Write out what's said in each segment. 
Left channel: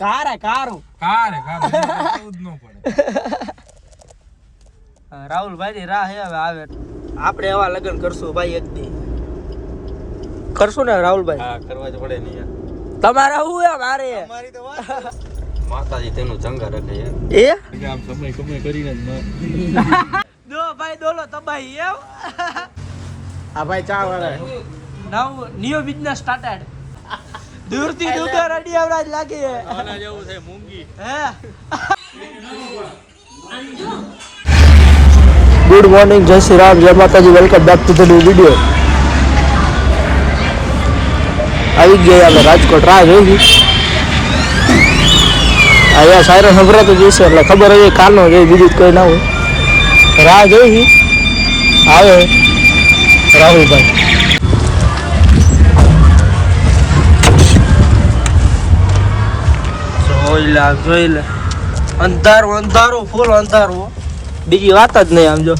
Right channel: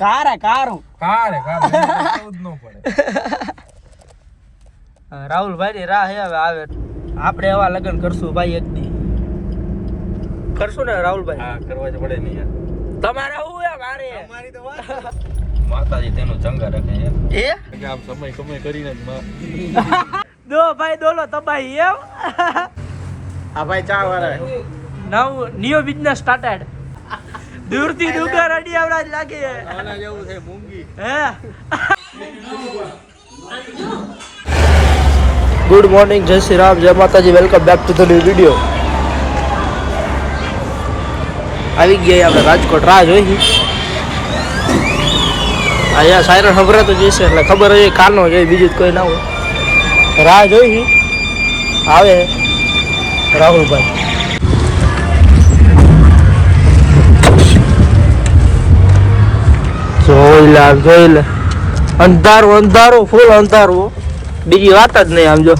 Car car કેવું જ ન પડે. રાહુલભાઈ ની રાહ હે હવે આવે આપણે એવા લગ્ન કરશું ભાઈ એક દી કરશું ને રાહુલભાઈ? હા કરવા જ પડે ને યાર. તમારે આવું હે મારે અમારી તો માતાજી તેનું ચંગા રાખે યાર. એ આમ સમય કમાઈ કરીને દો ભાઈ દોલો તબાઈ એમ આ ભાઈ ચા વાળા નવ ન્યુ બિઝનેસ સ્ટાર્ટેડ દૂરથી ડુંગર અડી આવડા જ લાગી હે આના જેવું છે મૂંગી. હે ગુડ મોર્નિંગ, જય શ્રી રામ, જય માતાજી, welcome back to the new video. આવી ગયા આપણે રાજકોટ, રાહ જોઈ અહીંયા સાયરન સંભળાતો જઈશે એટલે ખબર હોય કારનો જોઈ, બીજું કોઈ ના હોય. રાહ જોઈ આવે રાહુલભાઈ. જોઈ લે અંધારું અંધારું ફૂલ અંધારું, બીજી વાત જ નહીં. આમ જો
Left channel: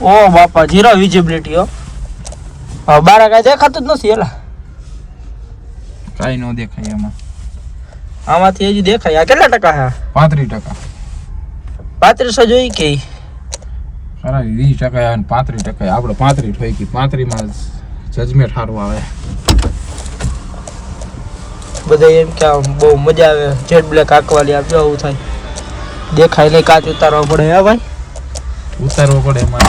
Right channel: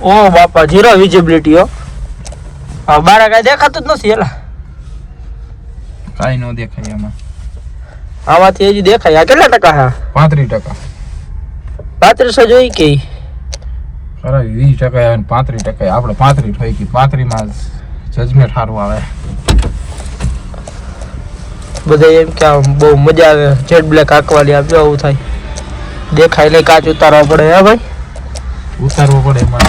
ઓ બાપા જીરો વિઝિબિલિટી હો. બારા કાંઈ દેખાતું જ નથી. એલા કાઈ ન દેખાય એમાં. આમાંથી હજી દેખાય. આ કેટલા ટકા હા? 35%. 35 જોઈ કે અરે 20% અને 35%. આપણે 35 થઈ ગઈ. 35 માં જજમેન્ટ સારું આવે. બધા એમ કે બહુ મજા આવે જેટ બ્લેક આંકવાની. આમ કેવું થાય દેખાય નહીં, કાચ ઉતારવા પડે. હે ભાઈ ઉતારવો પડે એમાં.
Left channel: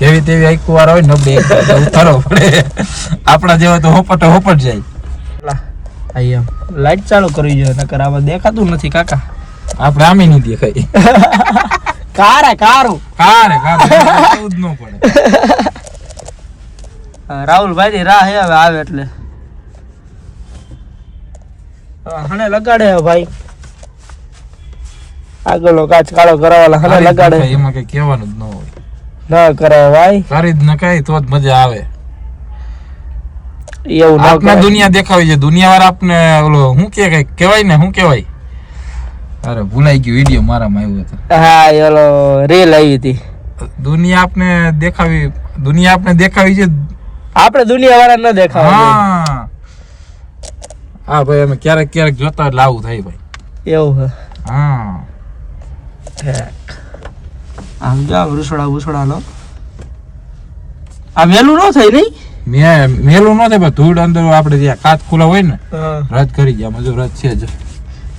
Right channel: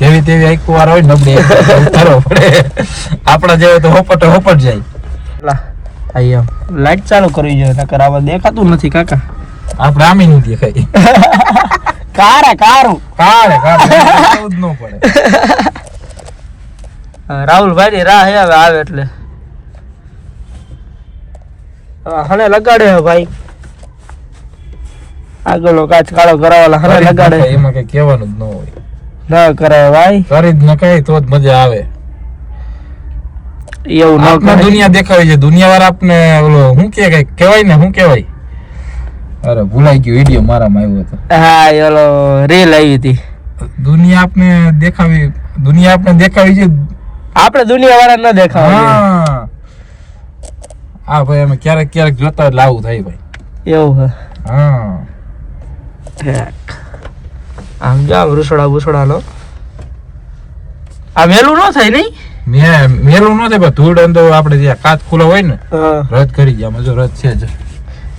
જેવી તેવી એક વાર હોય નબળી ઉતારવો પડે. આપણા જેવા તો હોપટ જાય. આમ લાઈટ ચાલુ કરવી જોઈએ, નકર આવા દેખાતું નથી કાકા. આપણે આમી નહીં દેખાય. કારો કેવું જ ન પડે. રાહુલભાઈ ની રાહ હે હવે આવે એટલે હલે લગાડે ભાઈ. આગળ કાચ કાળો કરાવેલા કરી જ નખાય, એમાં કઈ કહેવાનું જ ન હોય. ના કરાવે ભાઈ, કરી જ નખાય તો જ મજા આવે. એવું આપના દુનિયા દેખાવી છે. દુનિયા વાળા આપને ઓલો શું કે કઈ કહેવાય ને, શું કહેવાય? અરે ભૂલાઈ ગયો, વિડીયો મારામાં આવ્યો હતો. હા ઓલો રીલ આવી હતી. દુનિયા આપને દેખાવી છે. આપણે દુનિયા વાળા ના દેખાય. હા ભાઈ, અમે ક્યારેક જોતા એટલે આવું થાય ભાઈ. એવું હે. હા આમ જાવ રૂસડા બુસડા નો આ મેલું ન થાય નહીં. મેલું ન થાય, ધૂળ અંદર આપણે જ્યાં કાચ ખુલ્લા હોય ને હા રદ કરી ગયા. જો રદ છે જ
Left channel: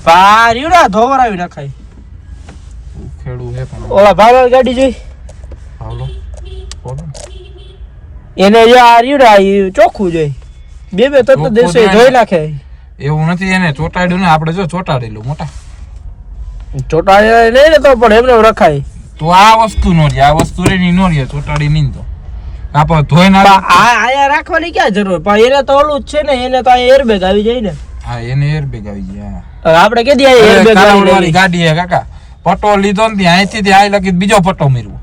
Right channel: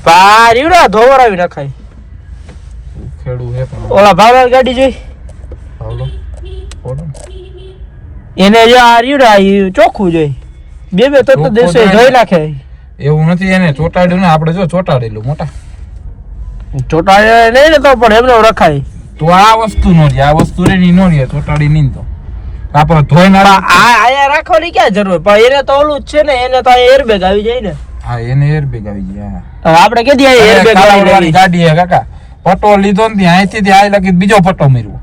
પારીડા ધોવરાવી નખાય. ખેડું હે પણ ઓલા ભાવેલ ગાડી જોઈ હાલો બોલો. એને જો આ રીડા ચોખ્ખું જોઈ બે તો ચોખ્ખું દેશે જોઈ જોઈ નાખે. એવું નથી, એને ચોટાડ્યું ને આપણે જો ચોટાડેલું મોટા ચોટાડે લઈ લેતો પણ એમને રખાય. તો આ વસ્તુ નો રે, આ વસ્તુ રે ની નો રે, ચોટાડી નહીં તો આપણે ધોઈ નાખ. આયા રાખવાની ક્યાં જરૂર, પણ એને તો ઓલું જ છે ને, એને તો આ એરબેગ આવી જાય ને. હા એને એરબેગ આવી ગયા. આપણે કે દી વાળી ગાડી હે કાકા. પટ્ટો લીધો ને અહીંથી આ લગી બીજો પટ્ટો મેરવો.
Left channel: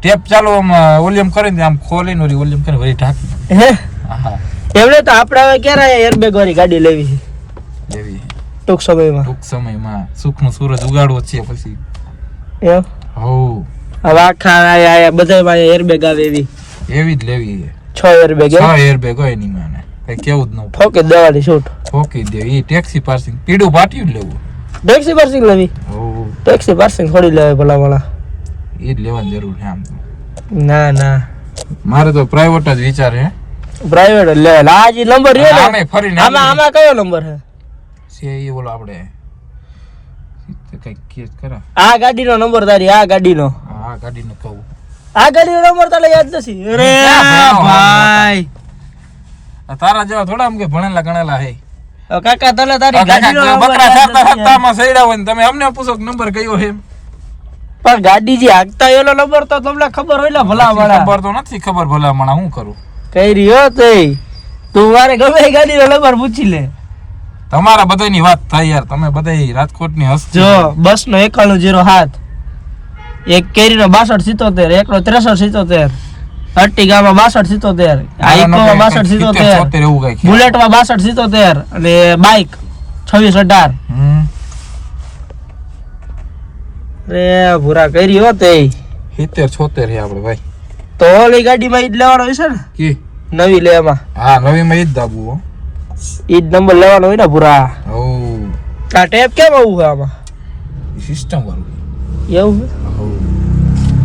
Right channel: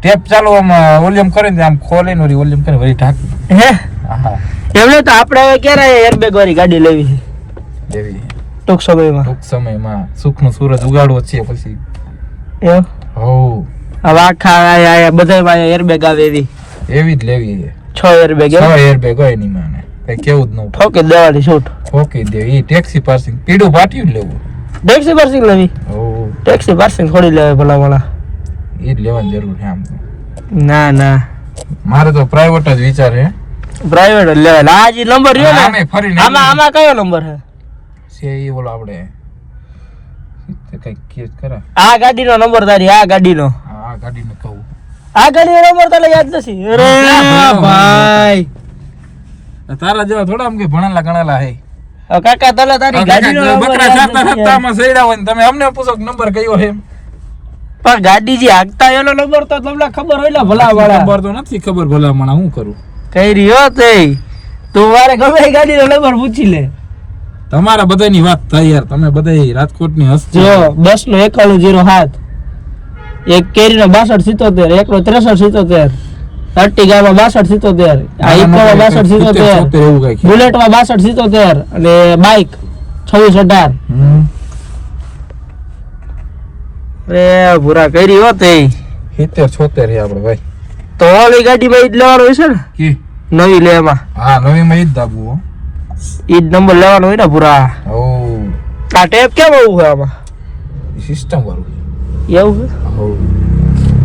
ટેપ ચાલો આમ વોલ્યુમ કરીને આમ ખોલે ને વોલ્યુમ કરીને વળી ઢાંકી. હે હા એમને તો આપણે ક્યારે એરબેગ વાળી ગાડી લેવી છે લેવી ટૂંક સમયમાં. ટૂંક સમયમાં સુખનો સૂરજ ઉગાડવો છે પછી. એમ હો હવે આખા બધામાં એરબેગ આવે એવી જ લેવી છે. 6 એરબેગ 6 એરબેગ હોય ની માને કઈ કેવું જ ન ફોકે દેવાની છૂટ. ફોકી દેવી. ટેક્સી પાર્સિંગ પીડું પાટિયું જ લેવું. ટેક્સી પાર્સિંગ લેવી? હો ટેક્સી પાર્સિંગ થોડી લેવી ભલા. એ જ લેવાની જરૂર છે આમ તો. ના મારે તો પ્રાઇવેટ જ વિચાર છે. પ્રાઇવેટ લેવાના. આ જે નંબર છે આમે ફરીને આમાં કયો નંબર છે? છે એ બોલો આપણે કઈ કેસ કરા. આ ગાડીનો નંબર તારી આ ગાડીનો આ ગાડીનું કહું. આ ગાડીનો નંબર તને યાદ નથી? અરે ભાઈ તારા જેવા થોડા આમ કે ભણેલા ગણેલા હે. કાકા તને તારી ગાડીનો નંબર બકરા સત્તામાં સૈડા હોય ને તમે અમને પૂછો નંબર કયો હે. પણ ગાડી જે હાંકતા એનો નંબર તો તમને ખબર હોય ને ભલા વાળા. ખબર તો નથી ખબર ભલા મણા હું કરું. કઈ રહ્યો તે તમારે ગમે એ ગાડીનો નંબર પૂછી લે. તમારા બધાની વાત થાય યાર. તમે બધા રાજકોટની હસ્ત જો બસ નો 9107 એક કેરીનો 6277 એકનો 6377 અર્ટિગામાં 6277 આ ઇકોમાં 6277 એવું કઈ બુલેટમાં 6277 અને બાઇક 2618. રે ભૂરા કરી હો તે 70 હે આપણે ભાઈ. તો ઓલી ગાડીમાં ઈ જ લેવાનો હશે ને કી નવી લેવામાં? હા નવી માં ઈ જ દાબુ. ઈ નંબર લેવાનો હોય ને પૂરા. ઓ આ ટેપ કેમ આવું છે આમાં? સિસ્ટમ વાળું એવું હો.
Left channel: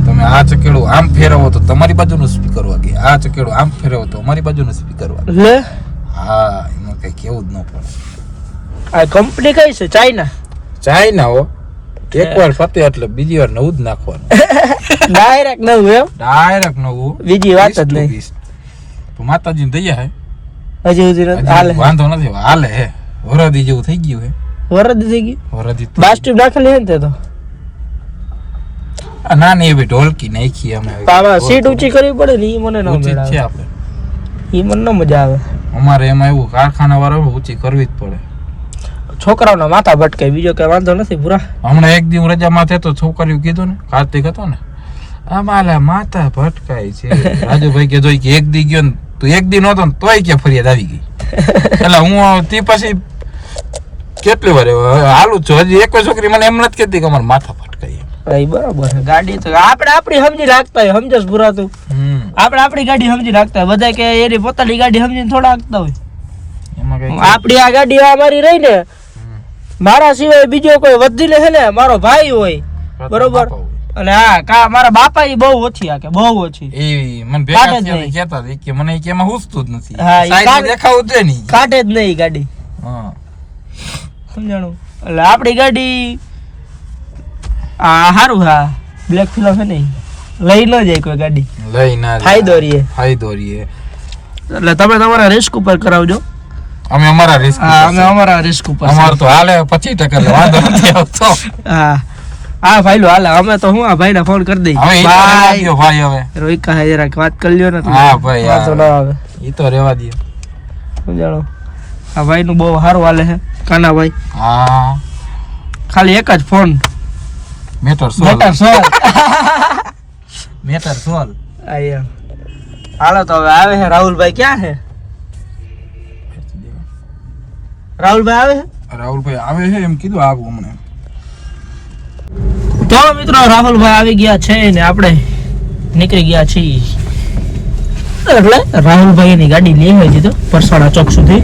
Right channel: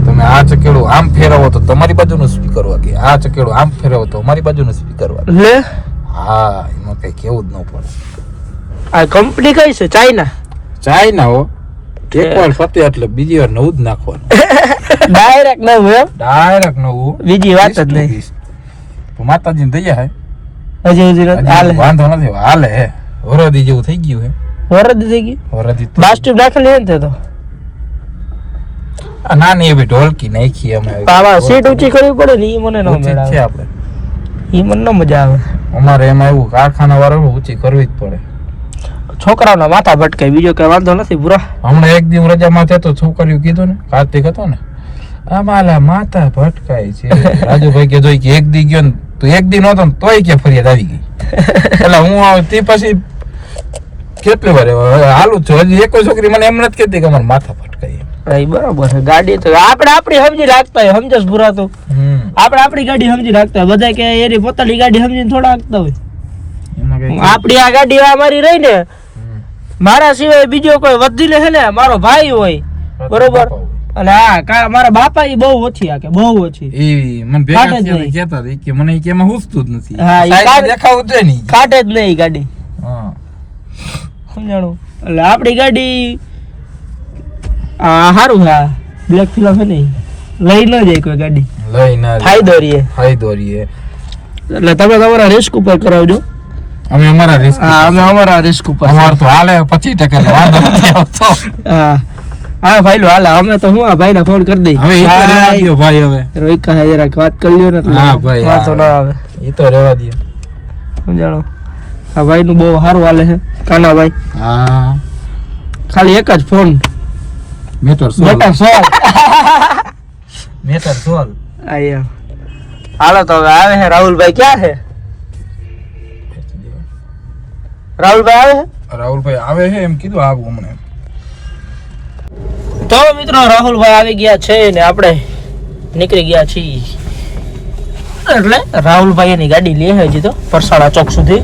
તમે આ ચકેડું આમ ફેરવો તો તમારી બાજુનું સ્પીકર વાગે, આ ચકેડું આમ ફેરવો તો અમારી બાજુનું સ્પીકર વાગે. હે? હા, એમાં કઈ કેવું જ ન પડે. આ કંપની કઈ છે? ચાઇના? ચાઇના હો. એક વાર પતે એટલે બીજી વાર નવું જ નાખવાનું. ડાયરેક્ટ નવું એમ? ડાયરેક્ટ નવું. બીજી વાત જ નહીં. તો માતાજીને દયા હે. હજી હજી વાંધો નથી, હાલે હે. વરદી જેવું થઈ ગયું હે. વરદ થઈ ગઈ? વરદી પ્લાસ્ટિક નાખેલી હે ને તો. ના નહીં, એવી ઢોલકી નાખી અમે. આમાં સીટ ઊંચી કરવી પડે ને, ઈ મને ન ઊંચી જ મજા છે આવે. આપણે. ઈ મને ન મજા આવે. અમારે એમાં એવું કારખાના વાળા ઊંચી કરવી જ પડે. છોકરાઓના માથા ભટકાય, બીજો કઈ વાંધો નથી પૂરા. હમણાં એક દિવસ રજામાં થયો છોકરીઓ કીધું ને, કાર્તિક હતો ને, આમાલા માથા ભટકાય છે. રાજુભાઈ કે જોઈ કે એક દી ગયો ને તો એક દી નહોતો ને તોય કે ફરિયાદ આવી ગઈ. એટલે હું તે પછી કેટલી વાર હાલું છું, હજી એક છોકરી મને એમ નથી કહેતી કે અમારે માથા ભટકાય. બરાબર છે. ગાડી તો આપણે આપણી સમજી રાખતા હોય, સમજસ પૂરા તો આપણે આપણી ગાડી સમજી રાખતા હોય. બધા કે એની પોતાની ગાડી સમજીને થોડા હાંકતા હોય. આપણી આ ગાડી અમારી રહી ને, મારા સિવાય બીજો કોઈ વધીને છે ને મારો ભાઈ હોય, બરોબર. અને હા મારા બાપા ઈ બહુ ઓછી આ કે બહુ ઓછી. ઈ મને ભેગા થયા કહેતા હતા કે મને કે એમાં હુસતું જ નથી. હા, સાઈડ દેખાવું જ નહીં, કાઢે જ નહીં ગાડી. હા, સમજાણું. એટલે આપણી ગાડી સારું. હા, બ્લેક ફિલ્મ છે ને, લઈ ન જાય કોઈ ગાડી, લઈ ના ફાયદો રહીએ. એટલે તમે તમારા રિસ્ક ઉપર કરાવજો. અમે અમારા રિસ્ક. હા, અમે અમારા રિસ્ક ઉપર. અમાર તો હાલે 25% વાંધો નથી આવતો. હા હા ભાઈ હાલે. અમે તો હું આ ભાઈ ને ફોન કરી દઈ. ભાઈ હવે રોહિકા જરાક વાત કરી લ્યો ને. હા ભાઈ, એ તો રહેવા દે. આ ભાઈ નું બહુ સારું હાલે છે, કાનાભાઈ. હા, ખાલી એક જ ફોન. મેટર સોલ. હાલો તો હવે આવે છે રાહુલભાઈ. ક્યાં છે રાહુલભાઈ? આવે છે એમ કીધું આવું હમણાં. તો મિત્રો રાહુલભાઈ આવી ગયા છે ને આપણે નીકળી ગયા છીએ. એટલે રાહુલભાઈ એની ગાડી લઈ આવી તો પરસાડા ચોક સુધી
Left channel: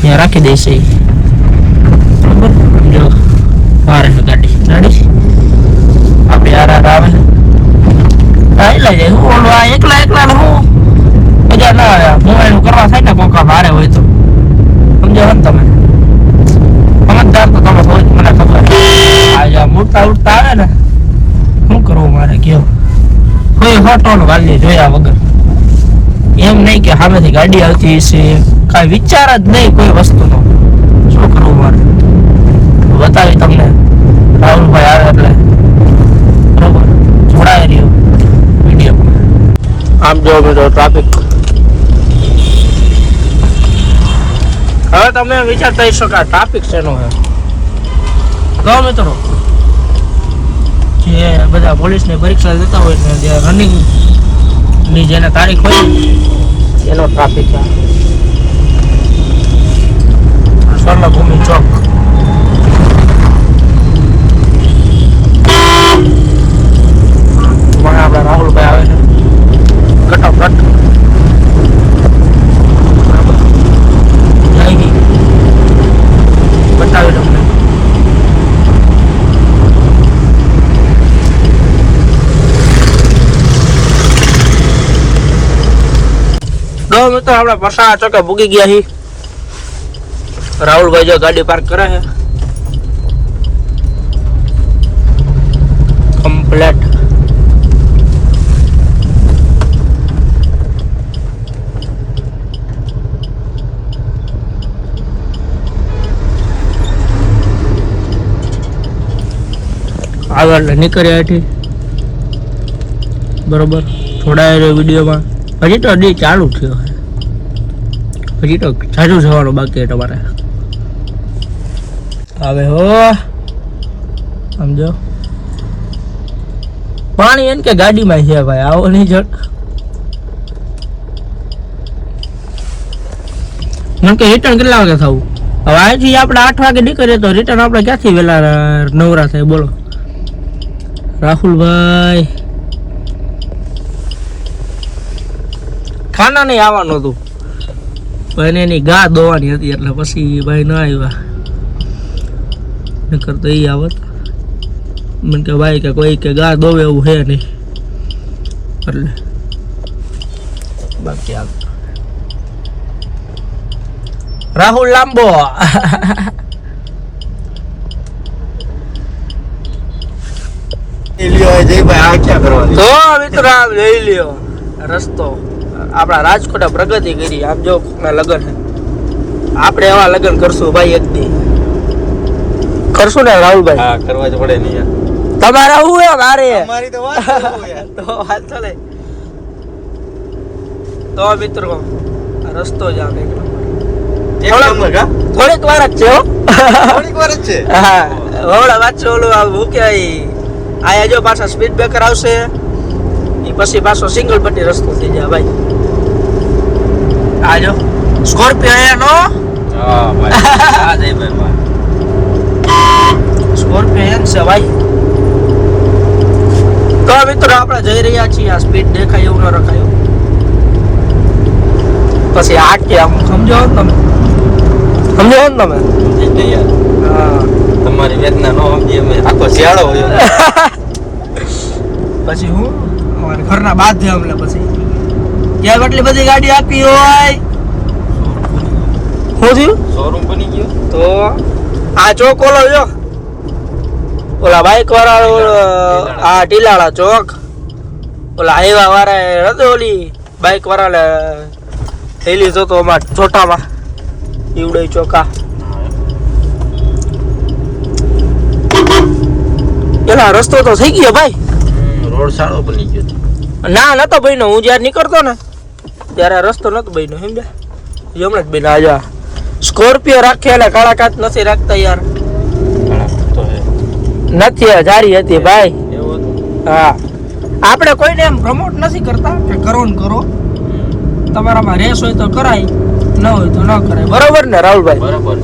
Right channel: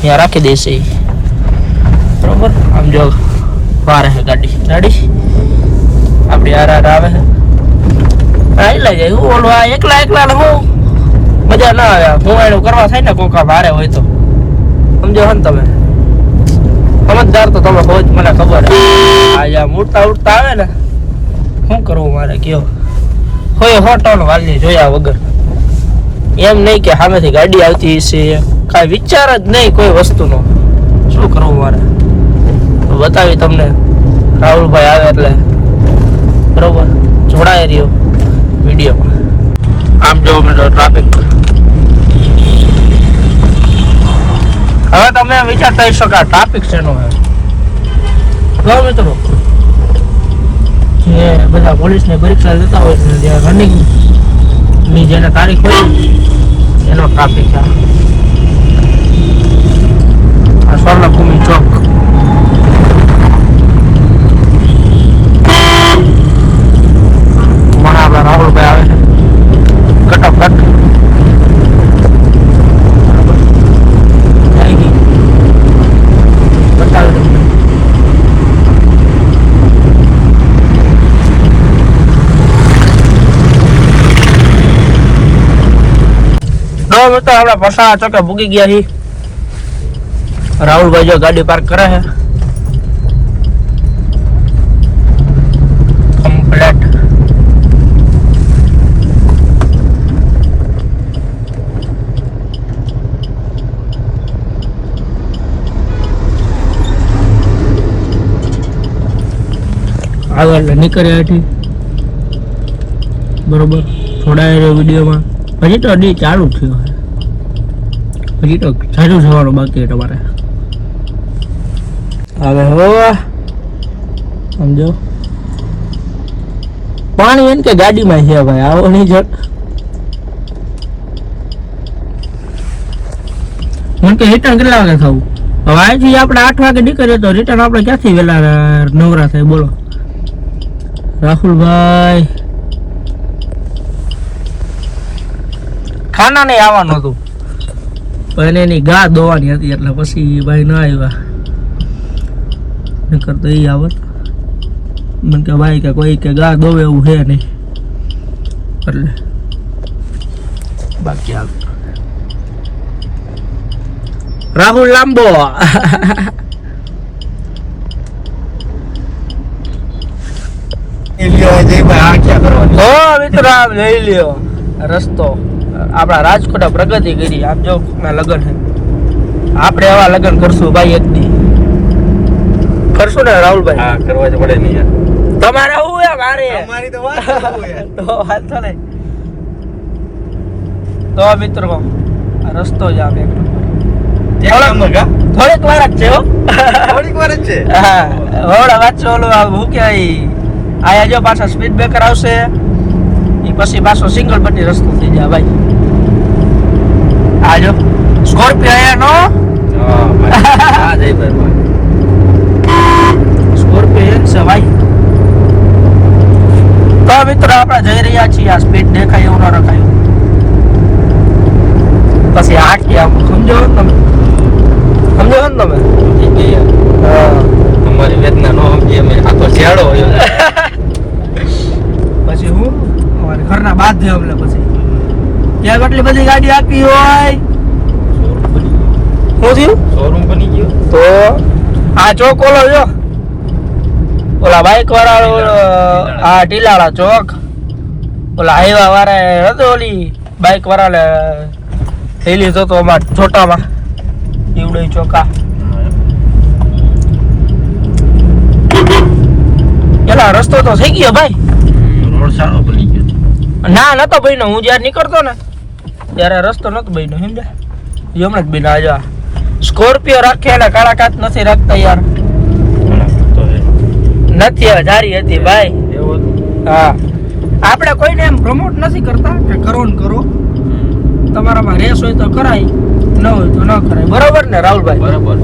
ત્યાં રાખી દેશે. બરોબર. આમ જો બારે છે ગાડી આપણી આર આવે છે. એટલે જાય હું ઓલો આ એકલા હું મજા ના આવે. મોબાઈલ કરવા થાય ને કોકા ભારે હોય તો, સમજો ને તમે. સમજદાર તો તમે હોય, મને ખબર. આ ઉડતા આવે ને, શું કરવું મારે કયો? કોઈ હોટલ વાલી જોયા વગર. એમ નહીં કે સામેથી ગાડી આવતી છે, કાંઈ વિચાર જ નહીં કોઈ વસ્તુનો. શું કરવું મારે? બતાવી તમને રાહુલભાઈ આવે એટલે. બરોબર, જોડાઈ રહ્યો વિડીયોમાં. આમ જો મિત્રો ટ્રાફિક. હવે તમે વિચારતા હશો કે આ ટ્રાફિક શેનું છે. તો મિત્રો જે બધા પોલીસની પરીક્ષા લેતા હોય છે, જે રનિંગ ની જેને તારીખ હોય એનો ટ્રાફિક છે. આ સોલભૂમિ ચોક. મને આપણા રાહુલભાઈ આવે છે કટોકટ. બતાવી તમને. તો આપડા પસા ચોકે ભૂગી ગયા છે. રાહુલભાઈ જો ગાડી પાર્ક કરે છે કમ્પ્લેટ. આગળ નીકળ્યા હતી. બરોબર, થોડા વિડીયોમાં હજી તો ડી ચાલુ થયો, હજી તો જાજુ જવાનું બાકી તમારે. હવે હો સમજો પાણી એમ કે ગાડીમાં છે ભાઈ. આવો નહીં જટ. એમ કે રિટર્ન કેટલા વાગે થવું? હવે અહીંથી આપણે 8 વાગે નીકળીએ તો રિટર્ન આપણે ક્યાંથી વહેલા નવરા થાય બોલો રાહુલભાઈ? ખાના નહીં આવવાનું હતું. પણ એની ગા દોવાની હતી એટલે પછી ભાઈ ના આવ્યા, નકર તો એ આવત. મને કે ભાઈ કે કોઈ કે ગા દોવે એવું છે નહીં એટલે બાકી હાલ. રાહુલ લાંબો તો મિત્રો આમ લઈ લ્યો રસ્તો. આપણા રાજકોટ પ્રગતિ કરી. આમ જો લગન છે, આપણે એવા લગન કરશું ભાઈ એક દી. કરશું ને રાહુલભાઈ? હા, કરવા જ પડે ને યાર. તમારે આવું હે મારે અમારી તો વાત તો વાત ચાલે. તો મિત્રો આ રસ્તો જ આવે એક નંબર. થોડીક વાર જ છે હો. થોડીક વાર જ છે. હા, હવડા વાત છે. ઓલું હું કે આયા જો પાછા સ્પીડ બ્રેકર આવશે, એ પછી પાછો સિંગલ પટ્ટી રસ્તો થઈ જાય ભાઈ. આ જો સ્કોર્પિયો એનો હા જય ભાઈ, સ્કોર્પિયો એન છે ભાઈ. તો મિત્રો આપણે જઈ રહ્યા છીએ. આ સ્પીડ દેખાય એવું ન રખાયું. પછી આ કે સમજો ને તમે, સમજો ને તમે. હા, તમારી વેદના નો સમજી અમે આખો શિયાળો હોય. પછી હું અમારે ઘરના બાદ છે અમને. પછી ત્યાં આટલી બધી ગાડી આપી હોય શું થયું? શોરૂમ બની ગયો. તો આ ચોક ઓલો જો ઓલા બાઈક વાળા, આ ટીલાળા ચોક, ઓલા હાઈવા વાળા હતો, ઓલી બાઈક વાળા થયેલી તો અમાર છોટામાં ઈવડે ચોકા. પેલા રસ્તો તો થઈ ગયો ભાઈ. રોડ સારો બની ગયો. ના નતો બન્યો. હું જયારે નીકળતો ને ત્યારે રસ્તો નતો બન્યો, સમજ્યા? હમણાં જ બન્યો. આજે સ્કોર્પિયો રાખે એટલે કાળા કાચ નથી રાખતા યાર. નથી, જારી હતી ભાઈ. એવું હતું. હા, આપણે કોઈને એમ પ્રમોટ નથી કરતા કે કરો ને કરો. તમારામાં રેસ હોય તો કરાય, ન હોય તો ન કરાય. બરોબર ને રાહુલભાઈ? બરોબર.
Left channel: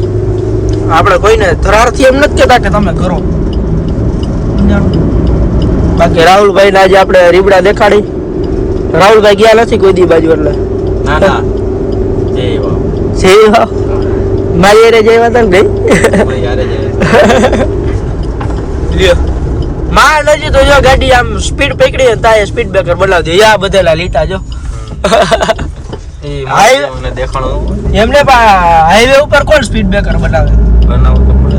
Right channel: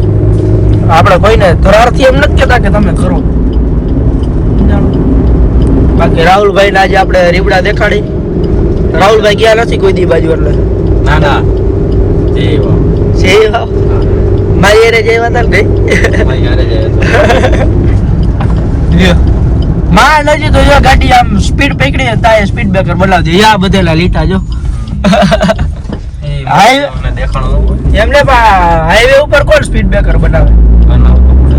આપણે કોઈને ધરારથી એમ નથી કહેતા કે તમે કરો. બાકી રાહુલભાઈ આજે આપણે રીબડા દેખાડી. રાહુલભાઈ ગયા નથી કોઈ દી બાજુ એટલે. ના ના જય વાહ. છે મારી એરે જઈ વાતા ને ભાઈ યારે જાય. લ્યો માં નજી તો જો ગાડી આમ સ્પીડ પકડી ને તાય સ્પીડ બ્રેકર બોલાવ દે. યા બધેલા લીટા જો એ હાઈવે મને દેખાણો એમને પણ હાઈવે ઉપર કોણ સ્પીડ બ્રેકર બનાવે? બનાવ તો પડે.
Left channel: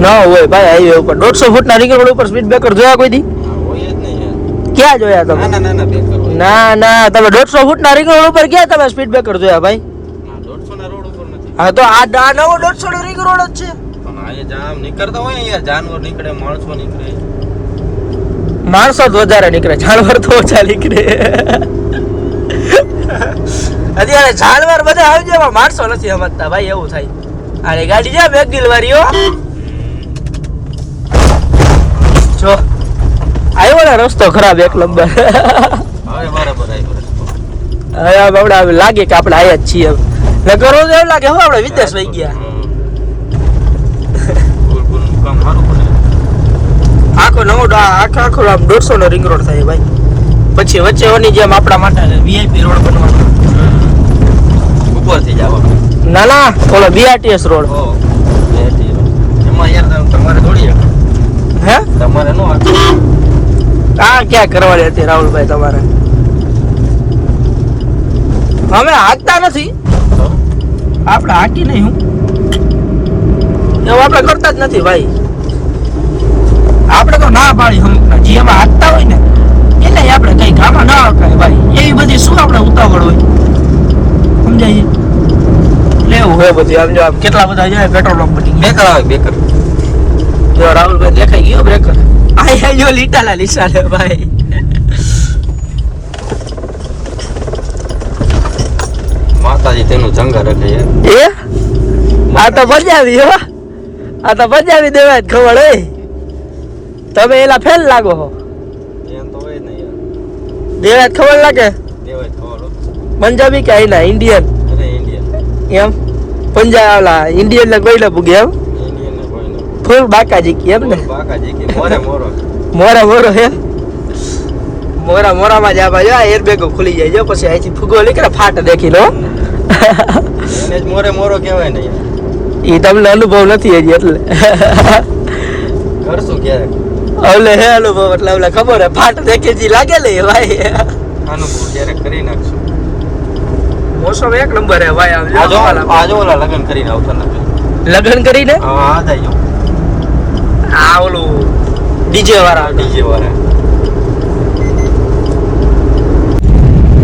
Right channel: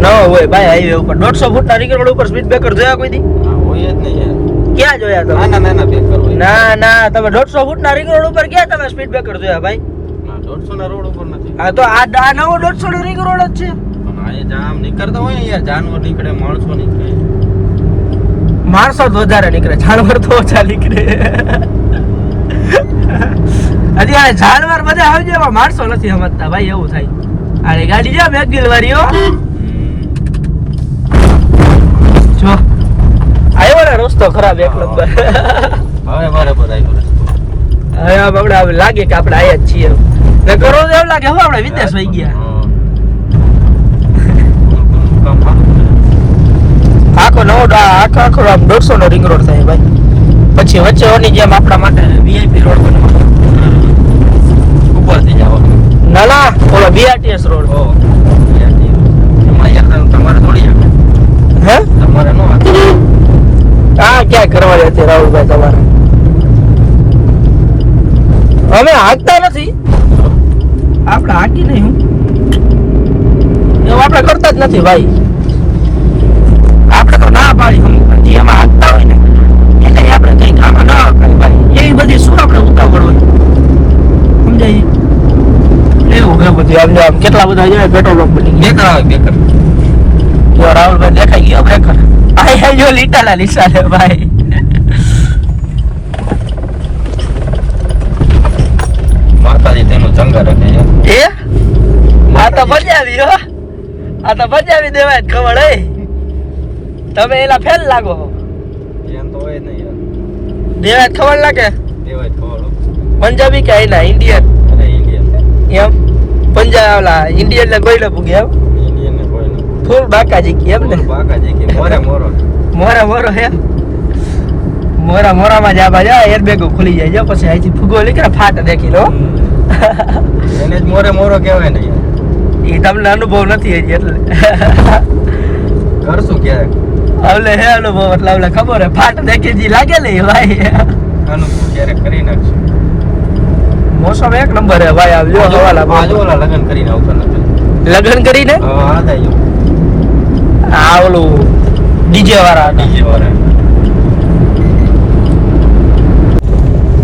ન હોય ભાઈ. હાઈવે ઉપર 150 ફૂટના રિંગ રોડ ઉપર સ્પીડ બ્રેકર જોયા કોઈ દી? હોય જ નહીં યાર. ક્યાં જોયા તમે? નાના નાના બેકર હોય. ના ના, તમે 150 ફૂટના રિંગ રોડ ઉપર ક્યાં તમે સ્પીડ બ્રેકર જોયા ભાઈ? ના 150 ના રોડ ઉપર નથી. હા, તો આ નવો 150 નો રિંગ રોડ જ છે. પણ આ જામ નીકળતા હોય યાર, જાનવર નીકળે, માણસો નીકળે. માણસો જ વધારે નીકળે, જાનવર તો ઓછા નીકળે. અત્યારે જાનવર બધા આવી જાય, માણસો નથી સમજતા ભાઈ. એવું થાય. અરે ગાડી છે મેગડીલ વાળી હો. જો આવ્યો ને રસ્તો ખરાબ એક નંબર. હવે બરાબર આવ્યો. હવે આપણે લાગે કે આપણે આયા જ છીએ. ને કરો તો એવું લાગે હવે આપણે વિદેશ વહી ગયા. કામ સારું પડે. આખો નવો આખો આમ 150 નો રિંગ રોડ થાય ભાઈ. પછી વચ્ચે ઓની જેમ આપણા માટે વીઆઈપી રોડ બનવાનો. ઉપરથી જવાનું. ના ના, ઓલો બીઆરટીએસ રોડ. ઓ એમાં યાર તમારે થોડી હે તમારે નો આ ક્યાં કરવાની હતી રાહુલભાઈ તમારે? અમે હાંકતા નથી. આપણે હાંકી નહીં. હું એવું આપણે કરતા જ નથી ભાઈ. આપણે તો ના પાડી અમુક જે એમાં હાંકતા હોય ને એને આપણે કઈ ગામાં ના હકાય ભાઈ. એવી બધી શું આપણે ઉતાવળ હોય, સમજાય? એવું હે બધું. આમ જો આમ કેટલા બધા જો પેટ્રોલ પંપ બની ગયા. બેકર આવે બેકર. જો રાહુલભાઈ દેખાઈ ગયો બ્રેકર. આ જો લીટાલા લીસા ભાઈ. માતાજી તેનું જંગા રાખે યાર. એ આ તો બજાવી હો. આ તો બજાવી દેવા જ ખબર હે. તમે એના ફેલ લાગો છો. એમ તો હોય ને યાર. દેવા જ ખબર લાગે. દેવાય ખબર. પંજાબી કે આઈલા ઇન્ડિયન? અરે ઇન્ડિયન. એમ પંજાબ ઓલા ઇન્ડિયન ને કોઈ ન પૂગે એમ. ઇન્ડિયન ને કોઈ નહીં. ફૂલ બાકાજી કે એમ ને. બાકાજી કે મોરે મોરો. મોરા મોરો હે. મોરા મોરામાં જ આ બાજુ એરબેગો ખુલી જાય. જો પછી અહીંથી ફૂગો નીકળે ફાટ દેખી લો. એને જ મોરે મોરો કહેવાય ને યાર. એ તમને અનુભવ નથી હજી એટલે કરશું ક્યારેક એટલે હે અનુભવ એટલે એટલે ખબર હે ફાટ દેખે જી લાગે ને ભાઈ અનુભવ ક્યારેક કરી નાખશું. મોસમ એક નંબર હે ભાઈ આવજો હવાલા બાજુ ઓલા લગ્ન કરીને આવતા નથી. લગ્ન કરીને હવે આ થાય આ ઓલું ડીજે વાળા હતા બીજી વાર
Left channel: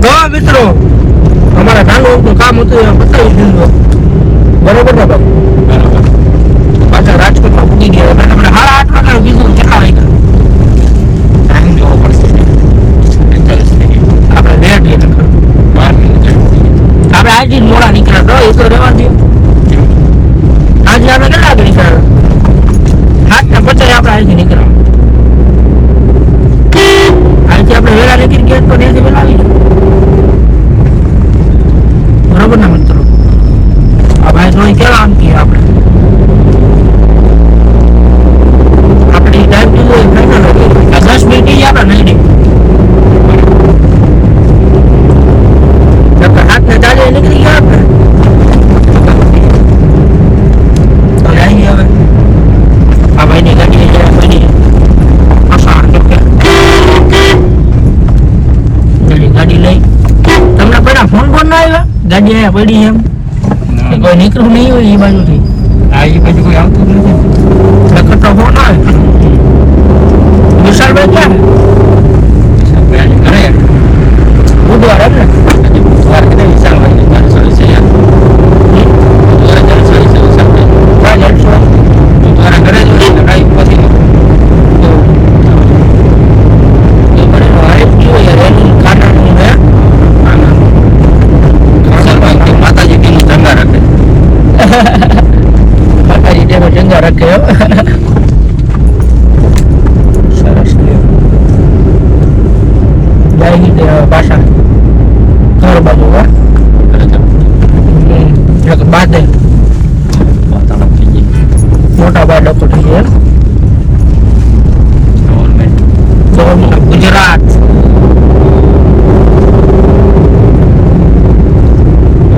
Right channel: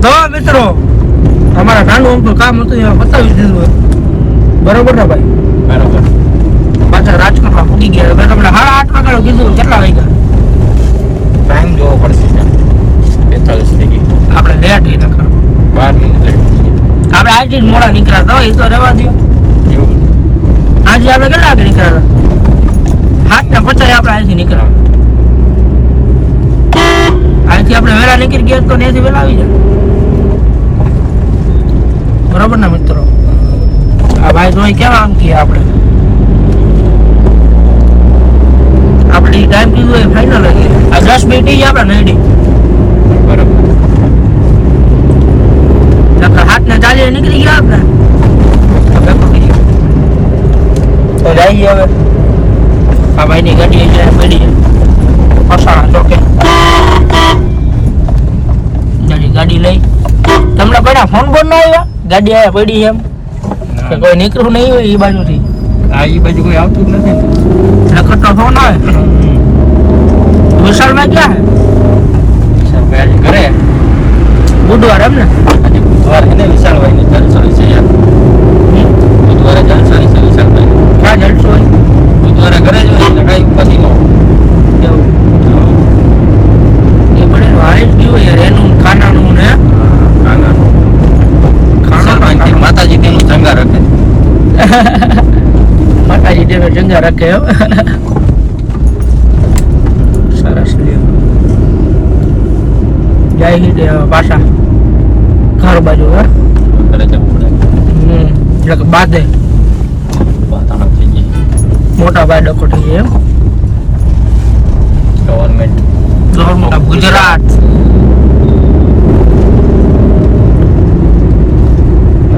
તો મિત્રો અમારા નાનું અમથું કામ હતું એ બતાવી દીધું બરોબર ને ભાઈ બરાબર. પાછા રાજકોટમાં પૂગી ગયા મેં તમને 8:30 વાગ્યાનું કીધું કેટલા વાગ્યા ટાઈમ જોવો પડશે 45 મિનિટ આપણે લેટ એટલે ખરું 12 મિનિટ આપણે આજે જ મોડા નીકળ્યા તો એ તો રહેવા દો આજે આપણે કેટલા વાગે નીકળ્યા 7:50 આપણે અહીંથી નીકળ્યા અહીંથી આપણે વહેલા નીકળી ગયા તો ત્યાંથી વહેલા આવી જાય બરાબર ને મિત્રો આ ભાઈ જોઈ કેવા આમ કીએ આપણે ટાઈમ કીધું એ ફાઈનલ લાગે આ 10 મિનિટ ઈ આપણે નહીં હાથને ચાલીએ નીકળી ગયા આપણે તો જઈએ હવે આ ભાઈની ગાડી જાય બની પસાર તો કે ગાડી લઈ તમને પેલા ફોન બોન ના આવ્યા ગાડી આયા પડી એમ કોઈ નીકળવું નહીં હોય એ બાજુથી આ એ બાજુ કોઈ આવતું જ નથી. લખત તો ફોન આવે વિશાલભાઈ ક્યાં ઘરે બુધવાર એમ ને બુધવાર કે વિશાલભાઈ ઘર છોડી છે યાર. બુધવારે ઘર છોડી છે વિશાલભાઈ. ક્યાં જડશો બુધવારે ઘરે જ હોય એટલે કાંઈ પછી નો. એ પડે વારે જ ગયું યાર એનું ખાનાનું ને વિશાલભાઈ માતાજી તેનું જંગા રાખે. માતાજી તેનો જંગા રાખે હો સરસ જય હિન્દ પાછા ઘર બાજુ હા ઘરે જવું એટલે બાદે વાતાવરણ થઈ જાય. મોટા ભાઈ ડકો થઈ જાય ગવર્મેન્ટ ગવર્મેન્ટ ઓફ ગુજરાત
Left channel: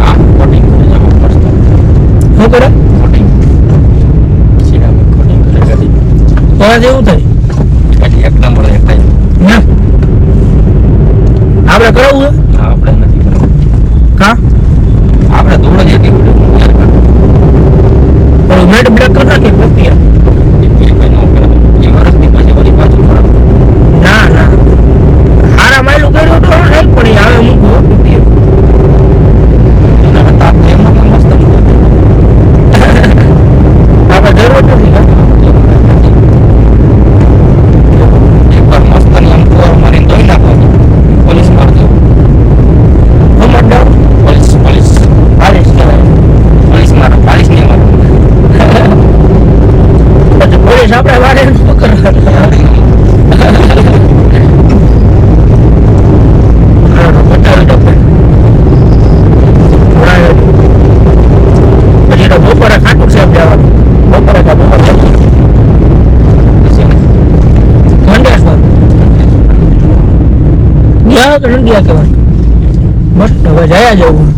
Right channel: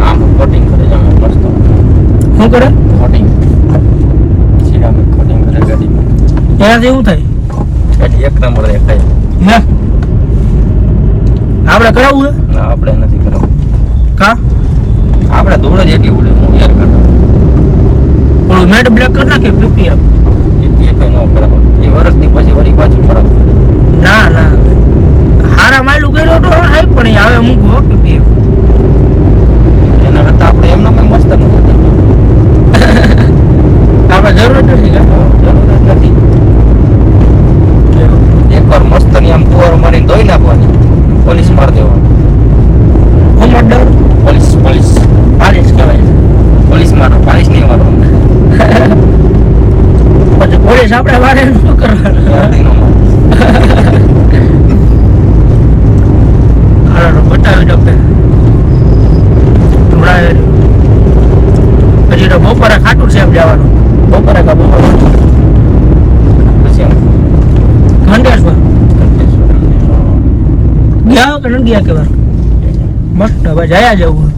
આ કોટિંગ કરી જવું પડશે. શું કરે કોટિંગ સીધા કોટિંગ કરે ગાડી. એનાથી એવું થાય ગાડી એક નંબર દેખાય. ને આપણે કરાવવું હે આપણે નથી કરવું. કા આપણે દોડો જ એટલી ઉડે યાર કર. ઓલું મેડ બ્લેક કરી નાખે પીપીએમ એ કોઈ ન કરે. એ વર્ષની પછી વળી પાછું કરે. ના ના હારા માયલું કર્યું તો નહીં પણ હવે મૂકવો પીપીએમ એના કરતા આપણે એમનો કોઈ મસ્ત મૂકી આપણે જરૂર નથી કા એકવાર મસ્ત ની આમ કુવાર મારીને ધોઈ નાખવાની. પોલીસ માર દેવું. ઉમર ડર પોલીસ હાલીશ કહેવાય પોલીસ મારો પોલીસ નહીં મારો. પછી પોલીસ આપણે વારે શું કરે આવડી ન મારો. હારું બતાવી દો પછી તો બપોરે ખાટું સાહેબ જવાનું બપોરે કા બપોરે પછી ઘંટેશ્વર ગયા કે નથી ગયા કેવાર મસ્ત હવે જયા જવું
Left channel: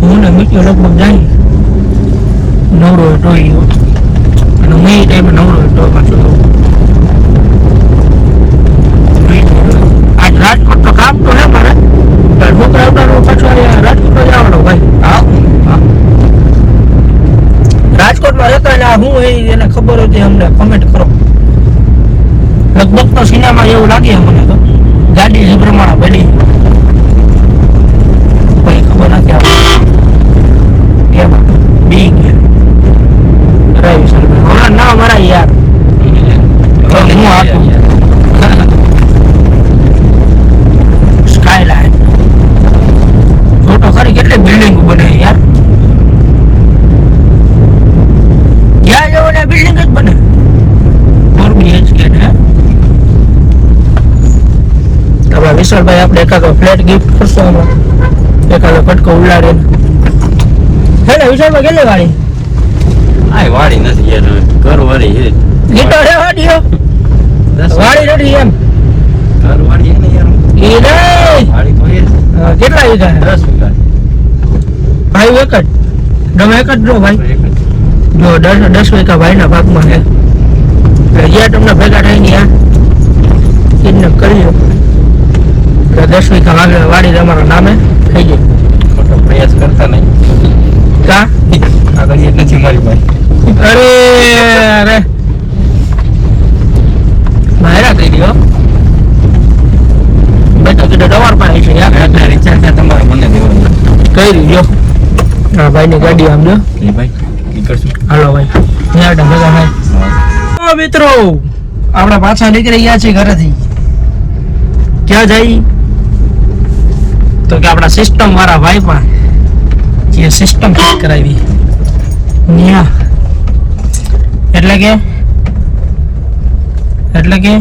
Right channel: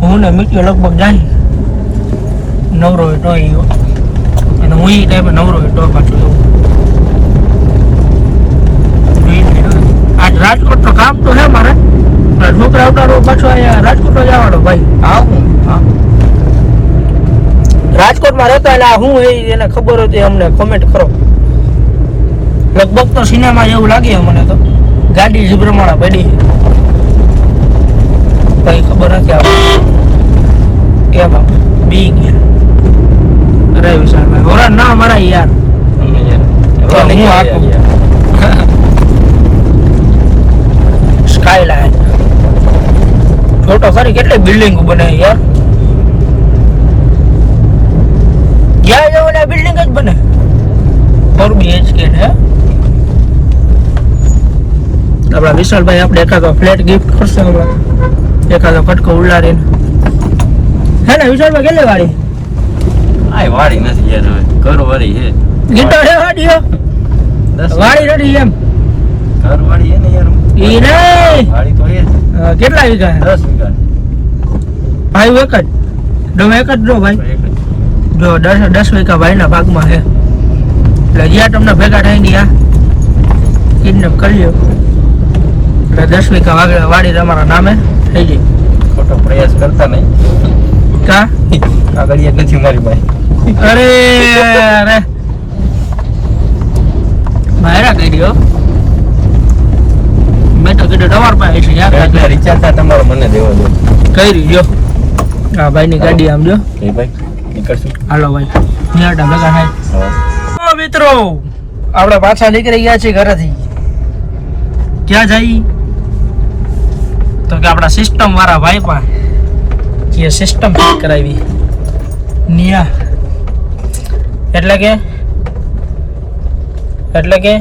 હું ને મીઠી લગભગ જાય નવરો હોય તો અને હું એ ટાઈમે નવરો હોય તો પાછું જવું આજ રાજકોટ તો કામ તો હે મારે છોકરા આવતા પાછો રાજકોટ જવાનો ભાઈ રાજકોટમાં રહેતા એટલે હું એને ખબર હતી અમને કોમેન્ટ કરો લગભગ તો સિનેમા જેવું લાગે મને તો ગાડી જે પ્રમાણે બની ભાઈ ખબર નથી આવતી કે બાપા બી ગયા રાવી સાહેબ હોરા ના મારા યાર હું આપું સ્કાયલાઇન ફોટો ખરી કેટલી બિલ્ડિંગ બને યાર જ્યાં જાવ ને બિલ્ડિંગ જ બને 4 BHK ને હવે વિશાલભાઈ આપણે એકાદો ફ્લેટ ગિફ્ટ કરશો એકાદો કટકો ઉડાડીને હે ને વિશાલભાઈ કેટલી વાળી આ વાડી નથી યાર ઘર વાડી છે. ગીતો રે વાડીઓ વાળી નથી એમ ઘર વાડી છે ને યાર. ઈ નહીં વાડી તો એ કેટલા વીઘા 10 વીઘા. ભાઈ એક જ ડબે એક જ નો ભાઈ જો 10 વીઘા ભાઈના ભાગમાં છે એટલે જે તમને ભેગા થઈને આ કિડનેપ કરી લો એટલે 10 વીઘા વાડી તમારા નામે થઈ જાય. ખોટો પ્રયાસ કરતા નહીં. કા કાગળ નથી મારી ભાઈ. અરે અરે માયરા કહી દો મેં તો કીધું તમારા પાસે છે યાર રિચાર્જ તમારો બંને દેવો કઈ રહ્યો હા ભાઈની ગાડી આમ જો કે ભાઈ નીકળશું. હાલો ભાઈ યાર ભેગા થાય. તો મિત્રો આપણે પાછા નીકળી ગયા છીએ ઘરેથી. ક્યાં જઈ તો કે આપણા સિસ્ટમ વાળા ભાઈ પાસે જે સિસ્ટમ ફિટ કરાવી નિયા એટલે કે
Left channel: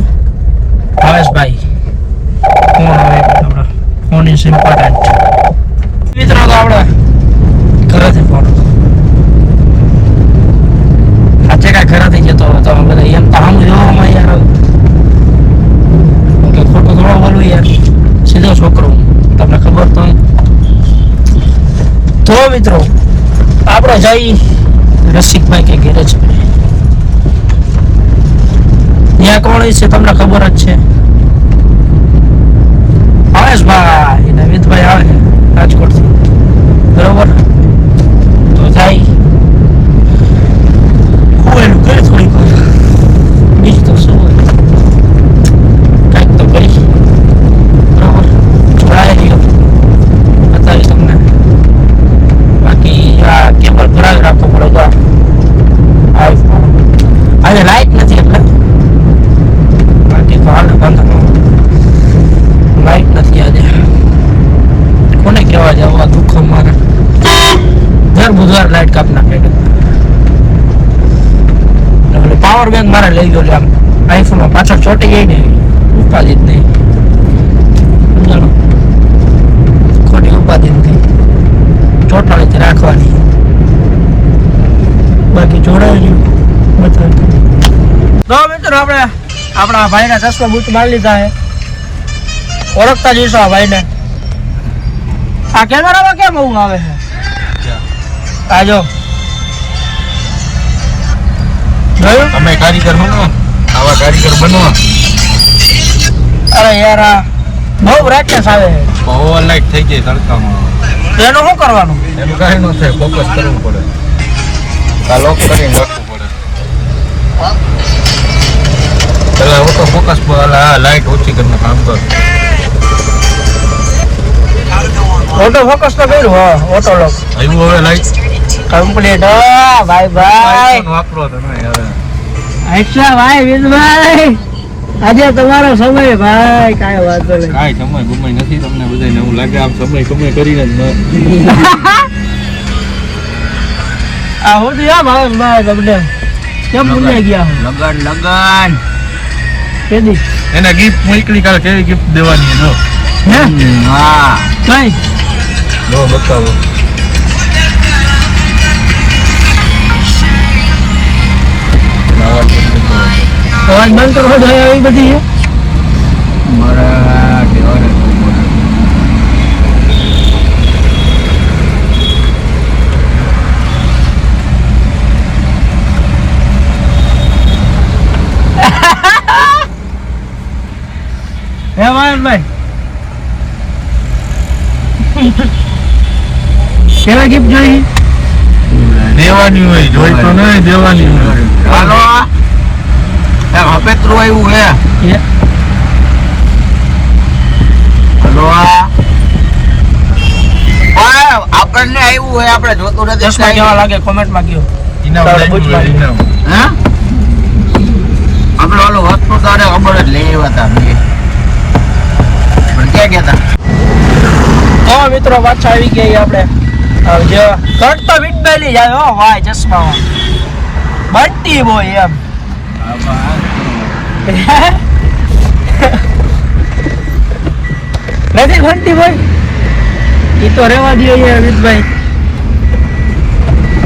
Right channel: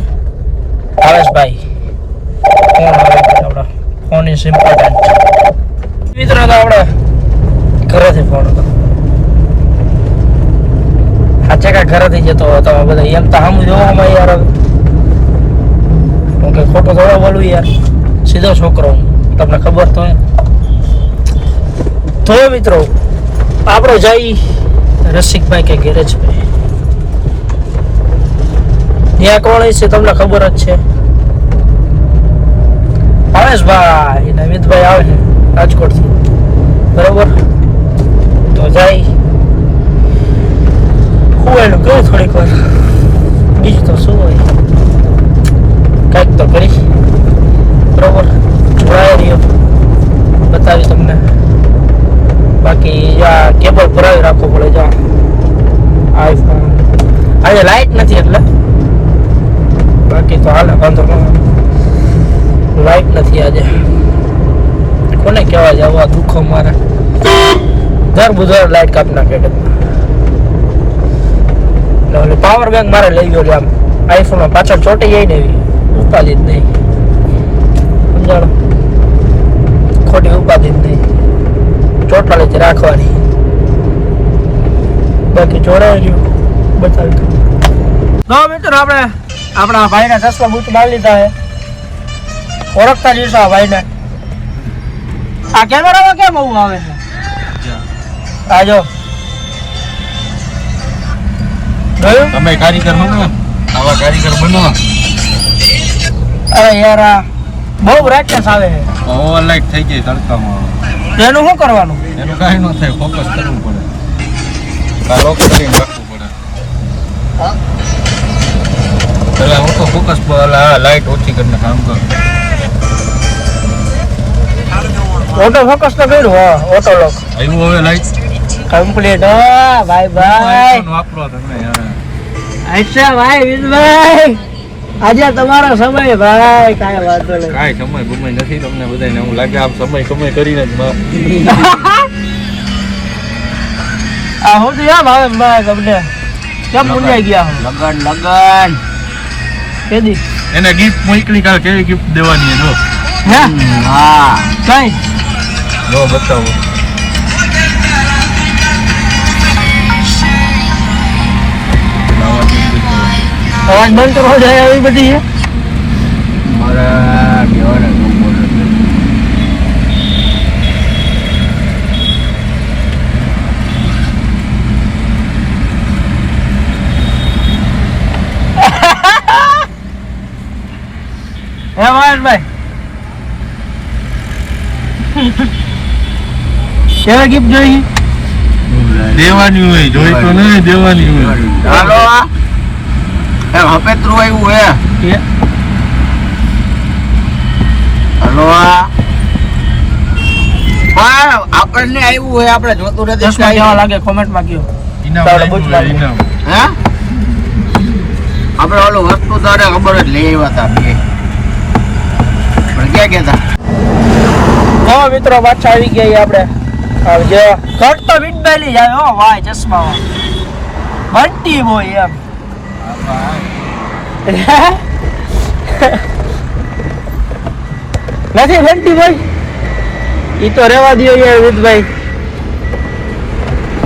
ભાવેશભાઈ ફોન આવે આપણા ફોન ઇઝ ઇમ્પોર્ટન્ટ. મિત્રો તો આપણે ઘરેથી ફોન હતો આજે કાંઈ ઘરેથી જતો હતો તમે બધા એમ તો સામું જોવામાં યાર કે ખોટો થોડો બોલું યાર સીધો છોકરો તમને ખબર તો મિત્રો આપણે જઈ રસિકભાઈ કે ગેરેજ ભાઈ ત્યાં કોણ છે તમને ખબર જ છે ભાવેશભાઈ નવીનભાઈ આવે છે રાજકોટથી બરોબર તો જાય હું એનું કહે થોડીક વાર બીજું તો શું હોય કંઈક તો કરી બરોબર જોડાઈ રહ્યો બતાવી તમને બાકી આ કેબલ ભરાવી રાખવો પડે જા આઈફોન આજે લાઈટ નથી એટલે બાકી તો હાલે વાંધો ન લાઈટ નથી આજે કોને કહેવા જાવ આ દુઃખો મારા દર બુધવાર લાઈટ કાપ નાખે એટલે પાવર બેંક મારે લઈ ગયો છે આમ આઈફોનમાં પાછળ ચોટી જાય ને એવી ઉપાધિ જ નહીં સમજાણો ખોટી ઉપાધિ જ નહીં ચોટાળીથી રાખવાની બાકી જોડાયેલું બતાવી તો મિત્રો આપણે આપણા ભાઈના ચશ્મા બૂટ મારી લીધા છે ઓળખતા જઈશું આ ભાઈને. આ કેમેરામાં કેમ આવું આવે છે આ જો જોયું તમે કારીગર બનો, આવા કારીગર બનો. અરે યાર આ બહુ બ્રાઇટનેસ આવે છે ઓવરલાઇટ થઈ જાય તડકામાં. એનું શું કરવાનું એનું કાંઈ ન થાય, ફોકસ કરવું પડે. આ લોક કરીને રાખવું પડે. પેલા હું તો ફોકસ પર લાઈટ ઓછી કરીને કામ કર. ઓટો ફોકસ તો કર્યું હા ઓટો લોક આવ્યું હવે લાઈટ કમ્પ્લીટ ભાઈ વાપરો તમે યાર. અચ્છા ભાઈ વિનભાઈ આજે તમારો સમય ભાઈ કાંઈ વાંધો નહીં કાંઈ સમય બમય નથી તમને બધાને એવું લાગે આમ સમય કરીને જ આ હું તો યાર ભાઈ ભાઈ તમને કેમ ભૂલાઈ ગયા હું લગન કેદી એને ગિફ્ટ મોકલી કાલ કેવી ગિફ્ટ દેવાની છે હે હા કઈ જો બતાવો. અવાજ બંધ કરો જાય આવી બધી છે મારા દેવરે નો બોલે હે ભાઈ કેવા ગિફ્ટ જોઈ દેવાની હોય જોઈ તો નહીં દેવાની હોય. હાલો એ હપેત્રું આવ્યું હે હાલો આપણને આવ્યું હે આપણે જોતું નથી ચશ્મા કેવા લાગે કોમેન્ટમાં કયો ઇનામ તારે લાગ્યું બુજ હોય, ઇનામ. હે આપણે ઓલું વસ્તુ તારે ખબર જ લઈ આવ્યા હતા બે પણ ક્યાં ગયા હા મિત્રો પાછા આવી ગયા આપણે જે કટ તો વિટબેલી જાય હો ભાઈ ચશ્મામાં બંટી બોય એમ નથી બંટી બોય ઈ તો રહેવા દો યાર વિતભાઈ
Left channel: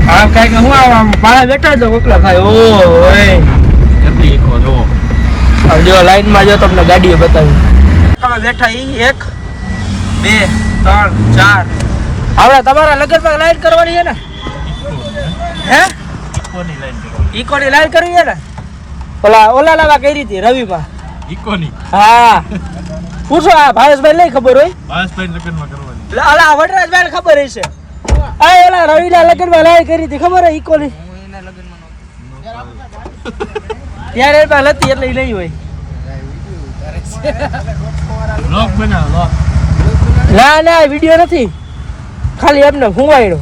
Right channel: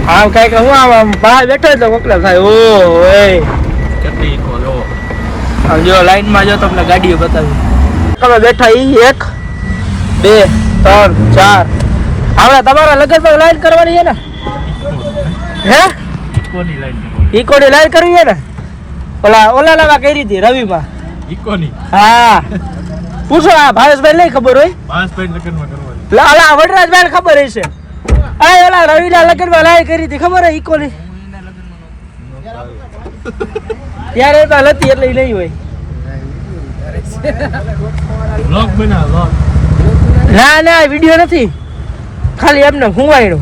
હા કઈ કે હું આવા બહાર બેઠો તો કોકલા ભાઈ ઓ એ કેટલી ઈકો જો. હવે જો લાઈનમાં જો તમને ગાડીઓ બતાવી તમે બેઠા ઈ 1 2 3 4 હવે તમારે લગન લાઈન કરવાની છે ને હે ઇકોની લાઈન કરવી છે ને ઓલા કરી હતી રવિમાં ઇકોની હા પૂછો આ ભાવેશભાઈ નહીં ખબર હોય ભાવેશભાઈ લગ્નમાં કરવાની ઓલા વડરાજભાઈ ખબર હશે આ ઓલા રવિના લગનમાં લાઈન કરી હતી ખબર હે ઇકોની ત્યારે એ બાલ હતી એટલે નહીં હોય લોક બના લોક ના વિડિયો નથી ખાલી એમને હુંવાયણું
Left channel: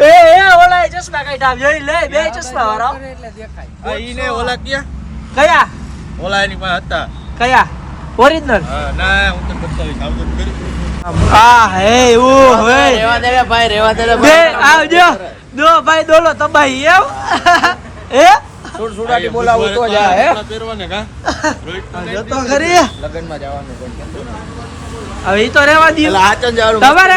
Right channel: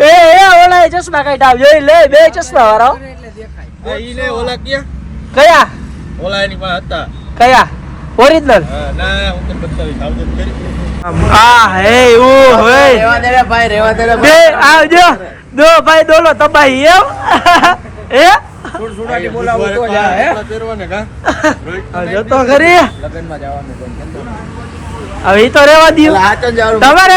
એ ઓલા ચશ્મા કાઢ આવ જોઈ લે બે ચશ્મા વાળો ઈને ઓલા ક્યાં કયા ઓલા એની પાસે હતા કયા ઓરિજિનલ ના હું તને બતાવીશ આવજો કરી હા હે ઓ હે રેવા દે બે આવજો દો ભાઈ દોલો તબાહી એમ એ સુડાટી બોલાવો તો જા હે પહેરવાને કા આવજો તો ખરી લગનમાં જવાનું પણ કેતો હવે ઈ તો રેવા દયો આચન જવાનું તમારે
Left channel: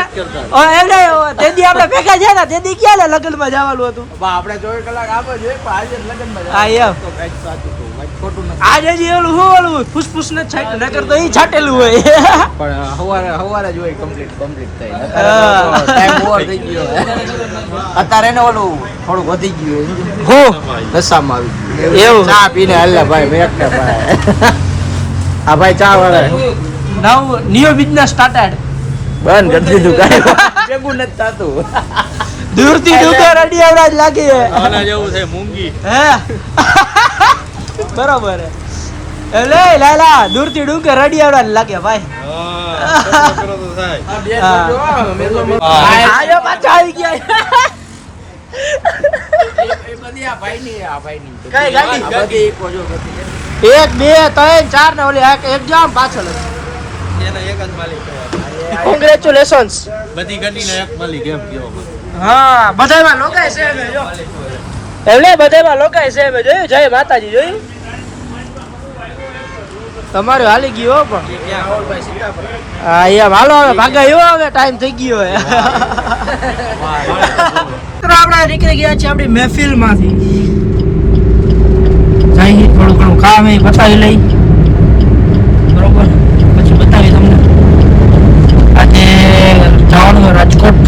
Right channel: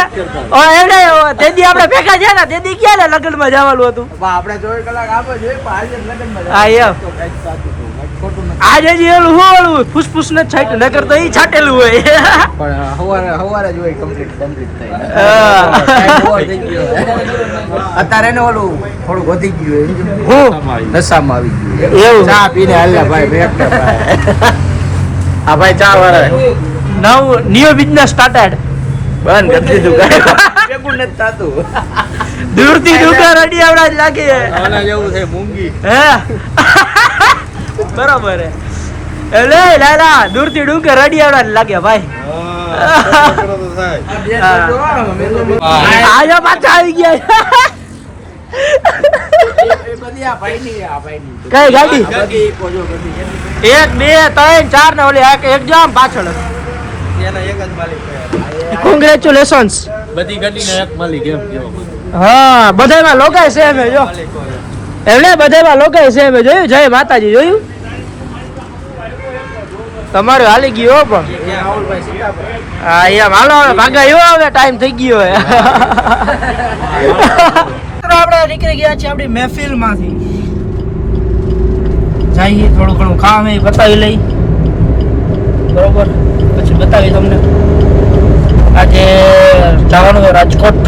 ઓ એમને તેદી આપણે ભેગા છે ને તેદી ક્યાં લે લગનમાં જવાનું હતું આપણે 24 કલાક આપો જોઈએ પણ આજે લગનમાં હા એમ તો કઈક સાચું તો કઈક ખોટું નથી આજે જ એલું હું ઓલું ફૂસફૂસ ને છાટ નકર તો ઈ છાટેલું હોય પણ હવારે જ હોય કમ્પ્લીટ થાય હા. ટાઈમ ઓવર થઈ ગયો અત્યારે ને ઓલું થોડું વધી ગયું હું નશામાં આવી ગયું એવું ચા પીને હલ્લા ભાઈ મેં હા ભાઈ ચા વાળા નવ ન્યુ બિઝનેસ સ્ટાર્ટેડ બંધ કરી દીધું ભેગું નથી થાતું દૂરથી ડુંગર અડી આવડા જ લાગી હે આના જેવું છે મૂંગી હે બરાબર હે એટલે લાલા દૂરથી ડુંગર અડી આવડા જ લાગે ભાઈ હા કરો તો થાય આજો પાછા આવી ગયા એ બધી આ ભાઈની કઈ ગાડી આ બધી કોજો બધી 1 2 3 4 ને ઓલી એક જામ પાછળ એના એક જ માલિક થયા કોંગ્રેચ્યુલેશન્સ બધી ગાડીનો એક માલિક એમ કેવો મને હા બધાયમાં લોકાય છે મે જો એમને બધાયમાં લોકાય છે મે જોયું જય માતાજી જોયું તમારે હાલી ગયો પણ હા એમ હાલો હવે ભાગાયો હવે ટાઈમ થઈ ગયો હે આપણે નીકળી ગયા છીએ આપણી મહેફિલ માંથી જઈએ થોડું ઘણું કામ એ બતાવી લઈ બરોબર પછી બતાવી તમને આજે જવાનું છે રાજકોટ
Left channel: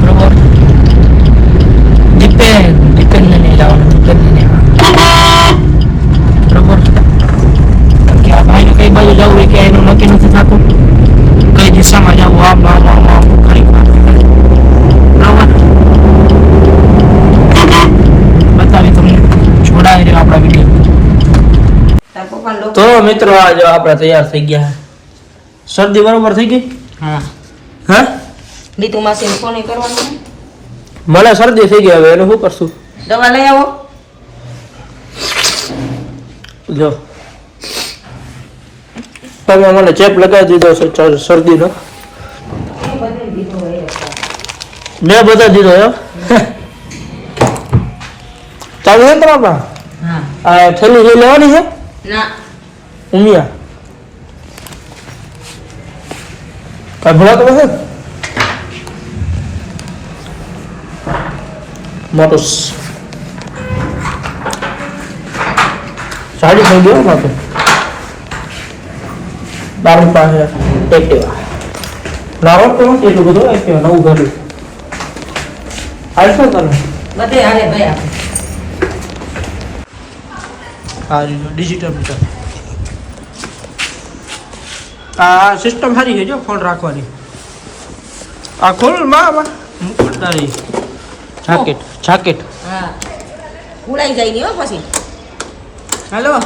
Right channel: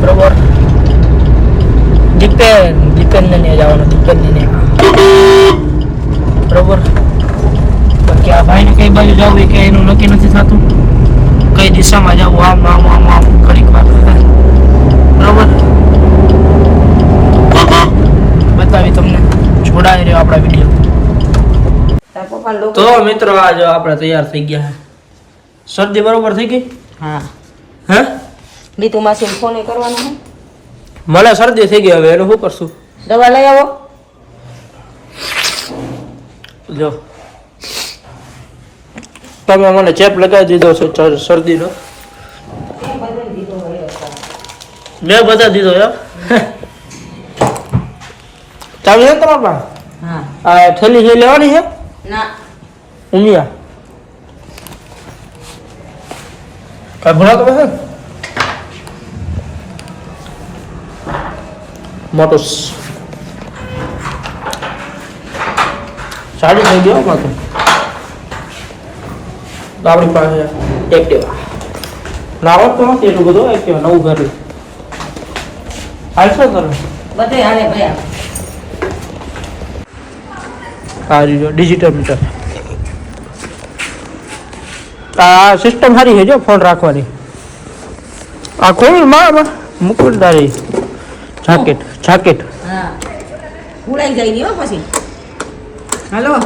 બરોબર દીપેન ને નહીં જવાનું દીપેન ને નહીં બરોબર કે આ ભાઈને કઈ બાજુ જવું એ કે એનું નક્કી નથી થતું કઈ દિશામાં જવું આમ ઘડીક વાર બરોબર બતાવી તમને જોડાઈ રહ્યો આપણા વિડીયો તો મિત્રો આ જો આપણે તૈયાર થઈ ગયા શરદી બરોબર થઈ ગઈ હા હા નીતુ માસીને ફોન કરવાનો મને શરદી થઈ ગઈ હવે એનું શું કરશું દવા લઈ આવો જો તમે મને ચેપ લગાવી દીધો છે શરદીનો મેં બધા દીધો એમ ચાવી છે તમારા હા આ થેલી છે લેવાની છે ના ઉમિયા કઈ ભૂલા તમે છે મોટું સાડી થઈ ગયો માતો આપણી પાસે એક્ટિવા લાવો તો નથી એટલું બધું એક્ટિવા નવું ઘર હાલશો તમે બધે હારે ભાઈ આપે હા જો ડિજિટલ મીટર આ સિસ્ટમ સારી છે જો ફોન રાખવાની આ ખોલ માં મુકુંદારી જાકેટ હા ભૂલાઈ જાય નહીં હો પછી હાલો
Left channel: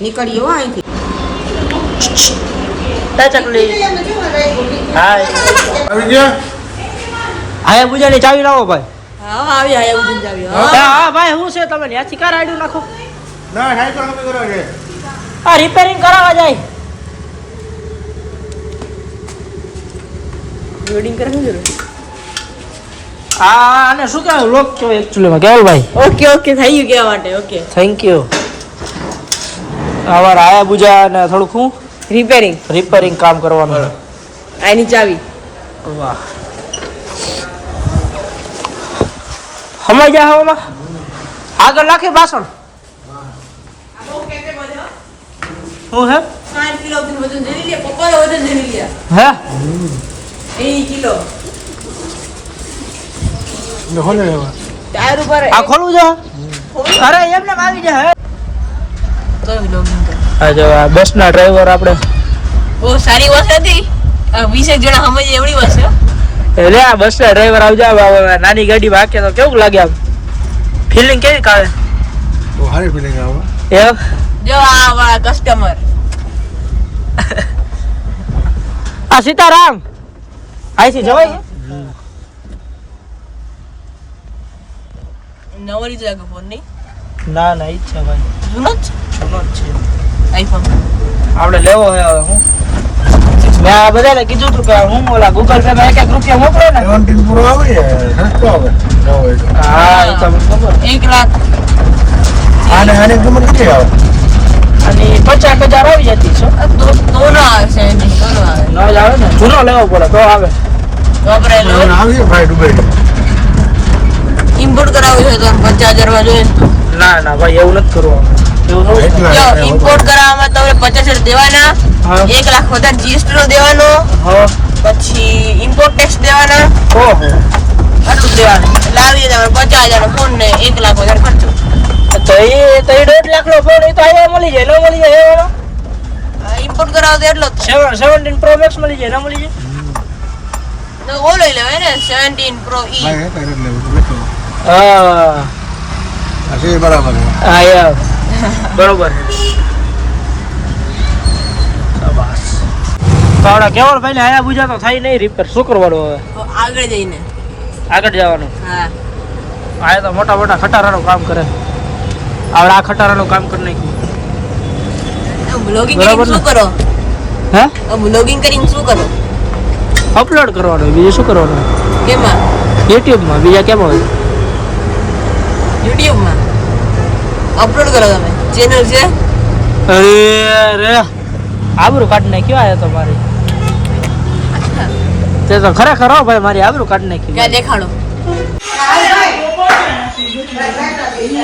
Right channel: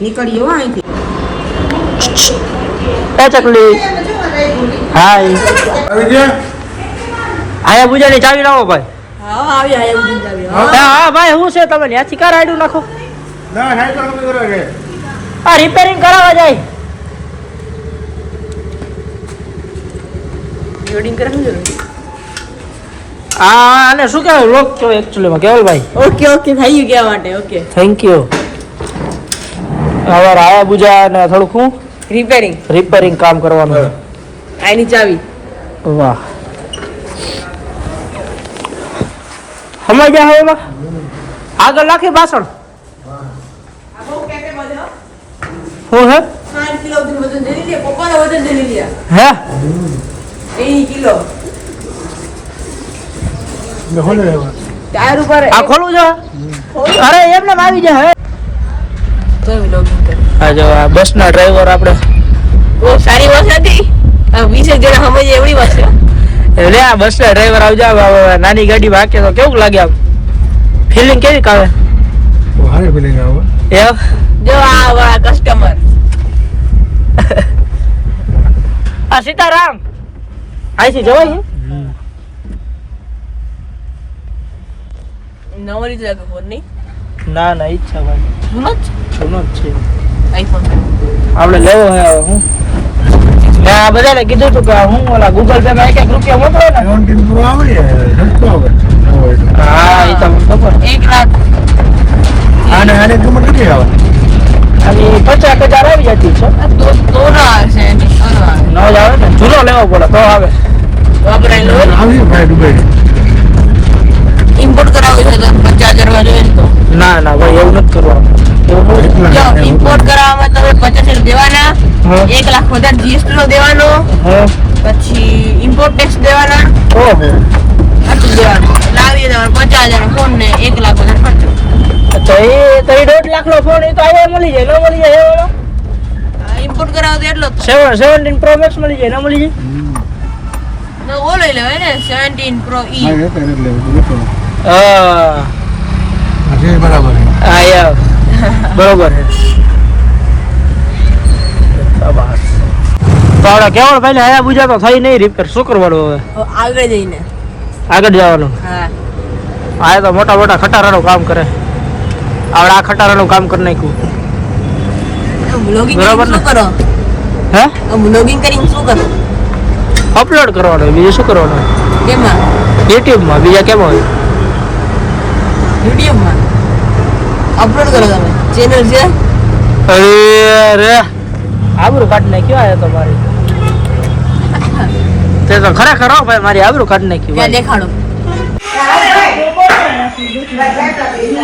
નીકળીએ હો અહીંથી ચકલી હાય આવી ગયા આયા પૂજાની ચાવી લાવો ભાઈ હા આવી આયા ઉડી જાવી હા ભાઈ હું છે તમે ત્યાંથી કાર આડું નાખો ના સાયકલ તમે કરો કે આ રિપેરિંગ કરાવવા જાય લોડિંગ કરવાની જરૂર આને શું કહેવાય લોક તો એકચ્યુઅલીમાં કહેવાય ભાઈ ઓકે ઓકે થઈ ગયું ગયા માટે ઓકે થેન્ક યુ આવાર આયા પૂજા ને થોડુંક હું રિપેરિંગ કામ કરવાનું આની ચાવી વાહ સમજ જા હવે એમાં આગળ રાખી ભાષણ હું હે કિલો સુધી વજન જઈ લે પપ્પાનો વજન જઈ લે હે 2 કિલો આ ખોલું છો અરે એમને આવી જાય હે તો વ્લોગિંગ કરે આ જો આ બસના ડ્રાઈવર આપણે બહુ સારી વાત હતી 20 જણા સમજે એવડી વાત છે રે આ બસના ડ્રાઈવર આવજો નાની ગાડીમાં હાકે તો કેવું લાગે આમ ફીલિંગ કેવી કાવે હારી ફિલિંગ આવે એમ જો આ વાળા કસ્ટમર આ સીતારામ આઈથી જવાય છે નવરી જ લાગે ફોન ની ના ના ઈચ્છા ભાઈ જૂનો જ છોનો જ છે આઈફોન આપણે લેવો હે હવે હું મેં આ બધાને કીધું હતું કે હું ઓલા ગૂગલ પે માં 1 રૂપિયા મોકલો ને 17 પૂરો આવે યાર સસ્તો આવે હા ઈ તો મને ખબર 1 લાખ આને તમે કેટલી આવે અને 50,000 આવી જતી છે તો ના આવશે તો ના આવે નવો જ આવે ને જૂનો લેવો પડે તો આવે વાપરેલો આવી ભાઈ ડુબઈ ઇમ્પોર્ટ કરાવવો છે તો 50,000 માં જોઈએ તો ના ના ભાઈ એવું નથી કરવાનું એવું નથી જો ઇમ્પોર્ટ કરાવવામાં તો 50,000 દેવાના હા. 1 લાખ વધારે જીએસટી નો દેવાનો હા પછી ઇમ્પોર્ટ ટેક્સ દેવાના ઓહો બધું દેવાનું એટલે આવી જાય 50,000 નો ફોન ને 1 લાખ વધારે ખર્ચો તો એ 1.5 લાખ નો ફોન એ તો અહીંયા મળી જાય ન મળી જાય એવાનો ઇમ્પોર્ટ કરાવો તો એટલો જ 17 Pro Max મળી જાય ન મળી જાય તો ઓ લઈ લેવાય ને 17 Pro E ભાઈ હતો એટલે લીધો હા હજી બરાબર બરોબર છે શાબાશ તો આપણે કેવળભાઈ ને આયા બુજા તો થઈ નહીં રિપેર શું કરવાનું હવે તો આગળ જઈને આગળ જવાનું હા આયા તો મોટા મોટા ખટારાનું કામ કરે આપણે આ ખટારાનું કામ કરી નાખ્યું બ્લોગિંગ બરાબર કરીને ને? શું કરો હે બ્લોગિંગ કરીને શું કરો અપલોડ કરવાનું બીજું શું કરવાનું કેમાં યુટ્યુબમાં બીજા કેમ હોય YouTube માં અપલોડ કરો તમે ચેનલ છે અરે રે આબરૂ કાઢી નાખ્યો આયા તો મારી તે તો ખરેખર હો ભાઈ મારી આબરૂ કાઢી નાખી ત્યાં દેખાડો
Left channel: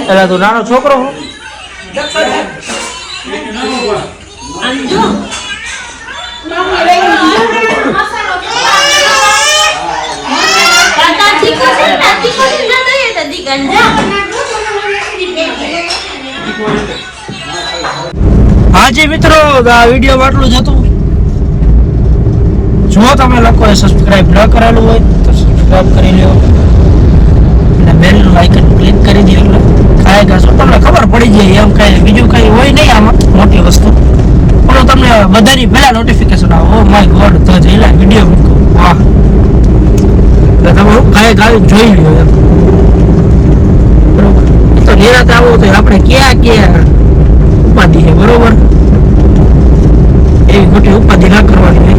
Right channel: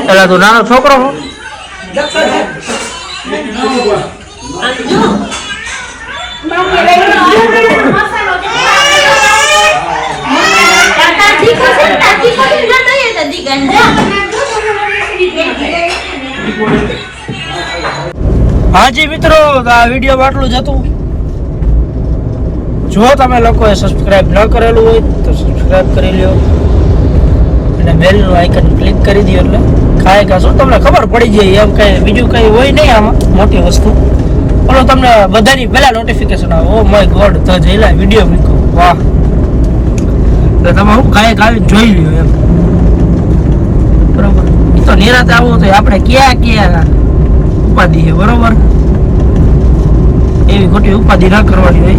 એટલે તું નાનો છોકરો હું હાજી મિત્રો આ વિડીયોમાં આટલું જ હતું જો તમે લોકોએ સબસ્ક્રાઇબ ન કરેલું હોય તો સબસ્ક્રાઇબ કરી લ્યો અને બેલનું આઇકન ક્લિક કરી દો એટલે કાંઈ કાં શું તમને ખબર પડી જાય એમ કાંઈ બીજું કંઈ હોય નહીં આમાં મોટી વસ્તુ પણ તમને બધાની પહેલા નોટિફિકેશન આવે ઓ માય ગોડ તો જઈલા વિડીયો મૂકો વાહ એટલે તમે હું કાંઈક આવી જોઈ લ્યો એમ બરોબર એ તો નિરાતે આવવું તો આપણે ક્યાં ઉપાધિ છે બરોબર એવી ખોટી ઉપાધિ ના કરવાની